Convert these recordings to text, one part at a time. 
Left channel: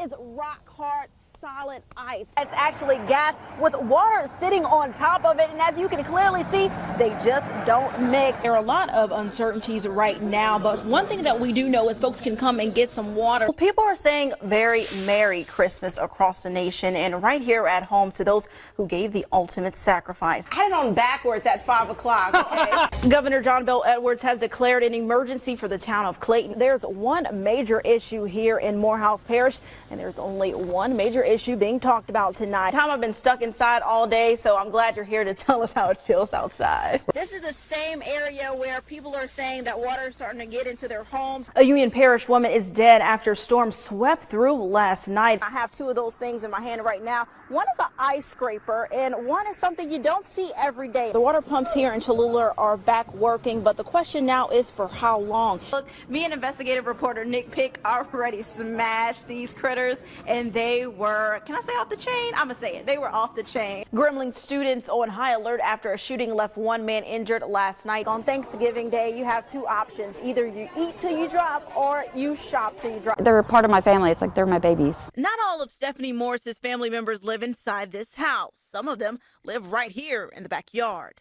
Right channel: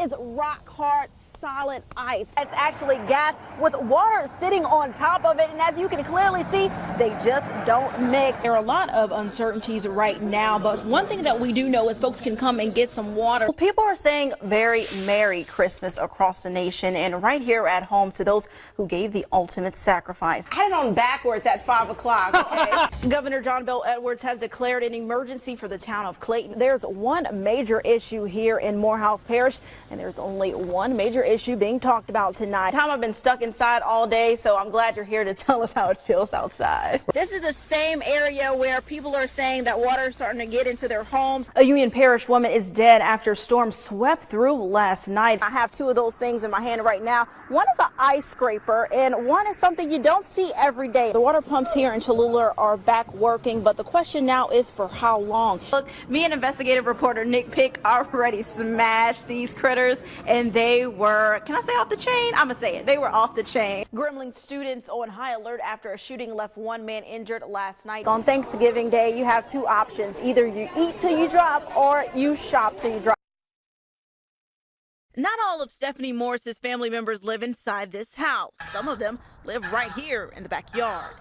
is rock hard, solid ice. It's actually gas with water sitting on top of it. And as you can clearly see, they just don't mix. There are a lot of uncertainties right now, but one thing that we do know is folks can come and get some water. People are saying very Merry Christmas across the nation and right here at home to those who gave the ultimate sacrifice. I had it on backwards at 5 o'clock. Okay? Governor John Bel Edwards has declared an emergency for the town of Clayton. There's one major issue here in Morehouse Parish, and there's only one major issue being talked about tonight. I've been stuck inside all day, so I'm glad you're here to tell us how it feels outside. This is the same area where people are saying that water is starting to get into their homes. A Union Parish woman is dead after a storm swept through last night. I have two of those things in my hand right now. One is an ice scraper, and one is something you don't see every day. The water pumps here in Cholula are back working, but the question now is for how long? Look, me and investigative reporter Nick Pick already smashed these critters, and they were, can I say off the chain? I'm gonna say it. They were off the chain. Gremlin students on high alert after a shooting left one man injured last night. On Thanksgiving Day, you have two options. Either you eat till you drop or you shop till you drop. They're part of my family. It's like they're my babies. Not all of Stephanie Morris's family members live inside this house. Some of them live right here in the backyard.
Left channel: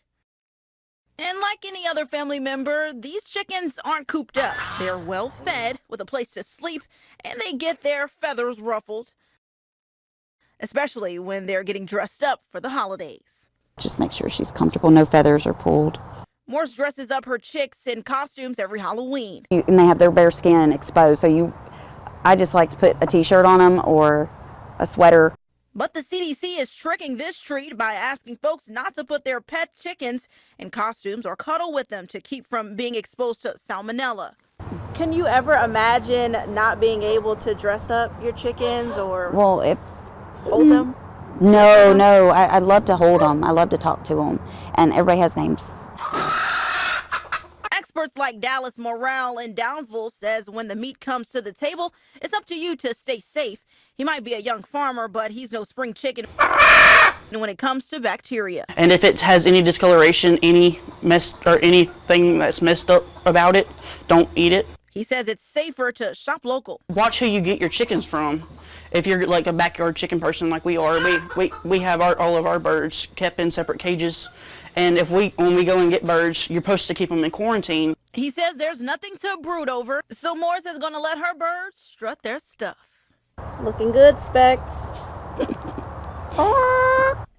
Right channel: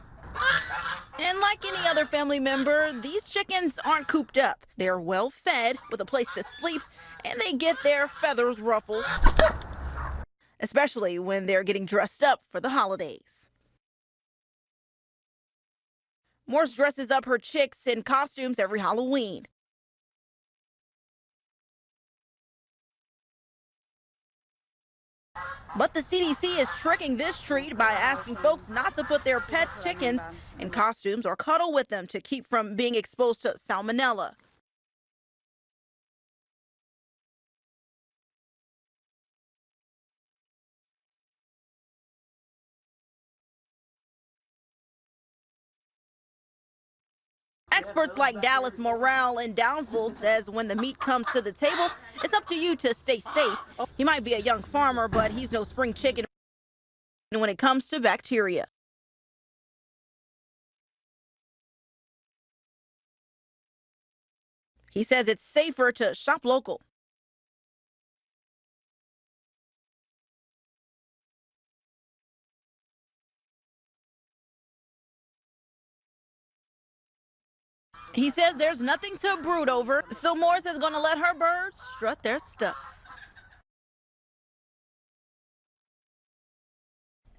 And like any other family member, these chickens aren't cooped up. They're well fed with a place to sleep, and they get their feathers ruffled, especially when they're getting dressed up for the holidays. Just make sure she's comfortable, no feathers are pulled. Morse dresses up her chicks in costumes every Halloween. And they have their bare skin exposed, so I just like to put a t-shirt on them or a sweater. But the CDC is tricking this treat by asking folks not to put their pet chickens in costumes or cuddle with them to keep from being exposed to salmonella. Can you ever imagine not being able to dress up your chickens or hold them? No, I love to hold them. I love to talk to them, and everybody has names. Experts like Dallas Morrell in Downsville says when the meat comes to the table, it's up to you to stay safe. He might be a young farmer, but he's no spring chicken when it comes to bacteria. And if it has any discoloration, any mess or anything that's messed up about it, don't eat it. He says it's safer to shop local. Watch who you get your chickens from. If you're like a backyard chicken person like we are, we have all of our birds kept in separate cages. And when we go and get birds, you're supposed to keep them in quarantine. He says there's nothing to brood over, so Morris is going to let her birds strut their stuff. Looking good, Specs.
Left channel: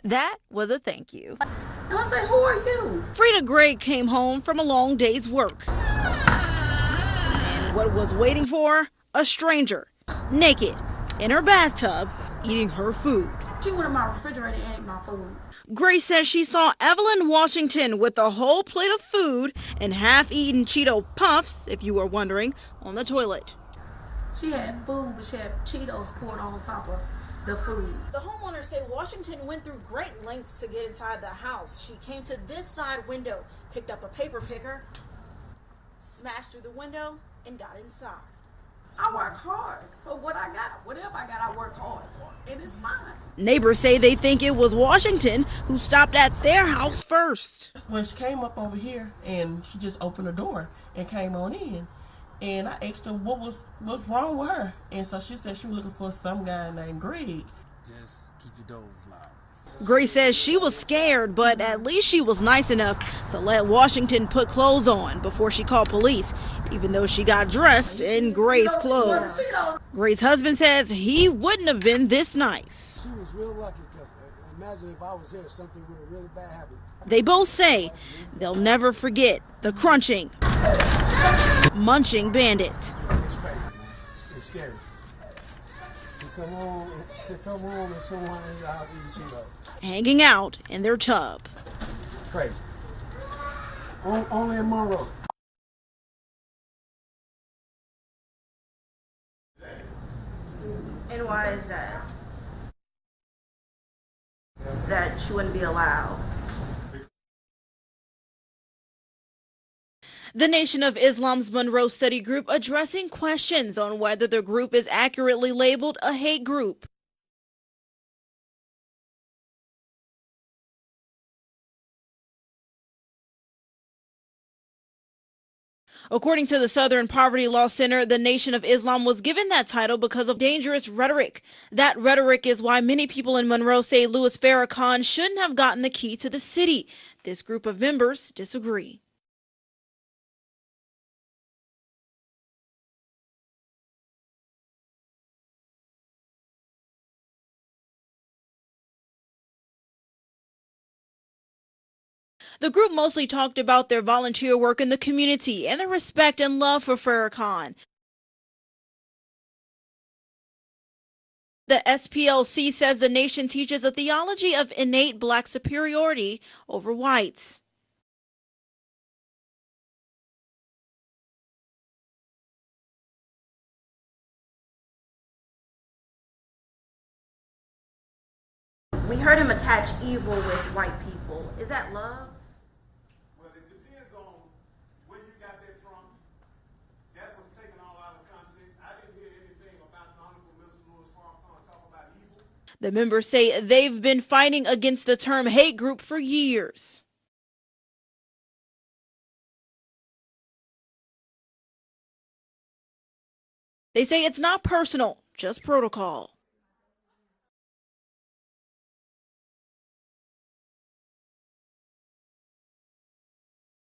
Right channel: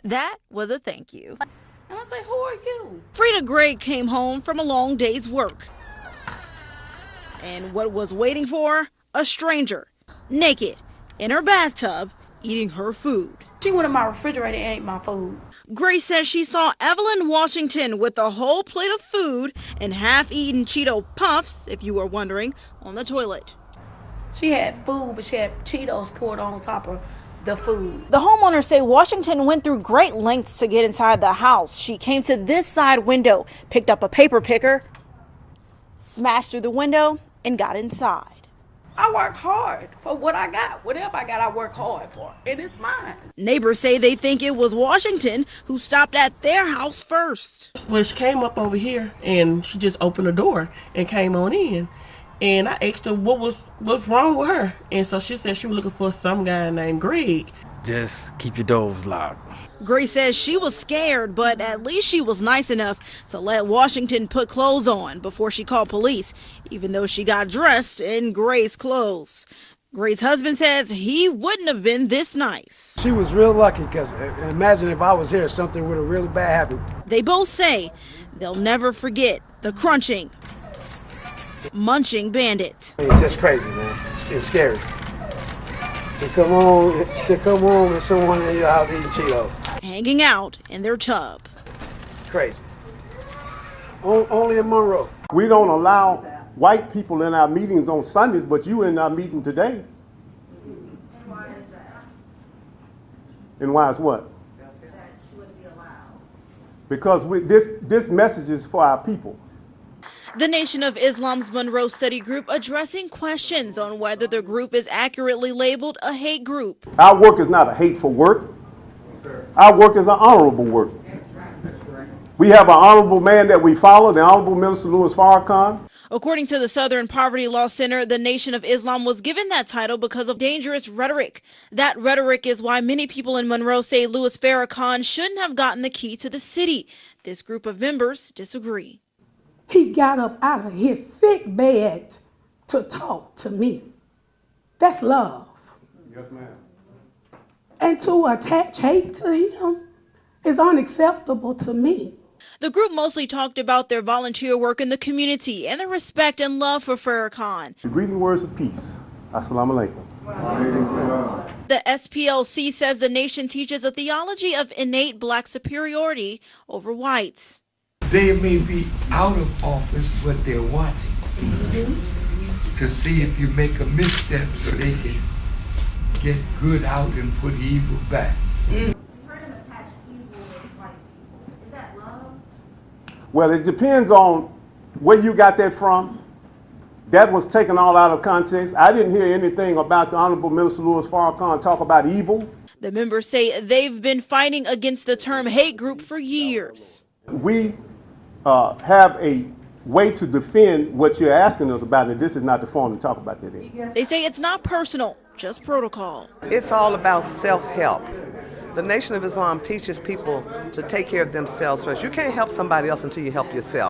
That was a thank you. And I said, who are you? Frida Gray came home from a long day's work. And what was waiting for her? A stranger, naked, in her bathtub, eating her food. She went in my refrigerator and ate my food. Grace says she saw Evelyn Washington with a whole plate of food and half-eaten Cheeto Puffs, if you were wondering, on the toilet. She had food, but she had Cheetos poured on top of the food. The homeowners say Washington went through great lengths to get inside the house. She came to this side window, picked up a paper picker, smashed through the window, and got inside. I work hard for what I got. Whatever I got, I work hard for, and it's mine. Neighbors say they think it was Washington who stopped at their house first. Well, she came up over here, and she just opened the door and came on in. And I asked her what's wrong with her. And so she said she was looking for some guy named Greg. Just keep your doors locked. Grace says she was scared, but at least she was nice enough to let Washington put clothes on before she called police, even though she got dressed in Gray's clothes. Gray's husband says he wouldn't have been this nice. She was real lucky because imagine if I was here, something would have really bad happened. They both say they'll never forget the crunching, munching bandit. It's just crazy, man. It's scary. To come home and someone in your house eating Cheetos. Hanging out in their tub. Crazy. Only in Monroe. We don't allow white people in our meetings on Sundays, but you in our meeting today. And why is that? And why is what? That she wouldn't be allowed. Because this message is for our people. The Nation of Islam's Monroe Study Group addressing questions on whether the group is accurately labeled a hate group. Our work is not a hateful work. Our work is an honorable work. We have an honorable man that we follow, the Honorable Minister Louis Farrakhan. According to the Southern Poverty Law Center, the Nation of Islam was given that title because of dangerous rhetoric. That rhetoric is why many people in Monroe say Louis Farrakhan shouldn't have gotten the key to the city. This group of members disagree. He got up out of his sick bed to talk to me. That's love. Yes, ma'am. And to attach hate to him is unacceptable to me. The group mostly talked about their volunteer work in the community and their respect and love for Farrakhan. Greeting words of peace. Assalamu alaikum. The SPLC says the nation teaches a theology of innate black superiority over whites. They may be out of office, but they're watching to see if you make a misstep so they can get good out and put evil back. We heard him attach evil with white people. Is that love? Well, it depends on where you got that from. That was taken all out of context. I didn't hear anything about the Honorable Minister Louis Farrakhan talk about evil. The members say they've been fighting against the term hate group for years. We have a way to defend what you're asking us about, and this is not the forum to talk about that in. They say it's not personal, just protocol. It's all about self-help. The Nation of Islam teaches people to take care of themselves first. You can't help somebody else until you help yourself.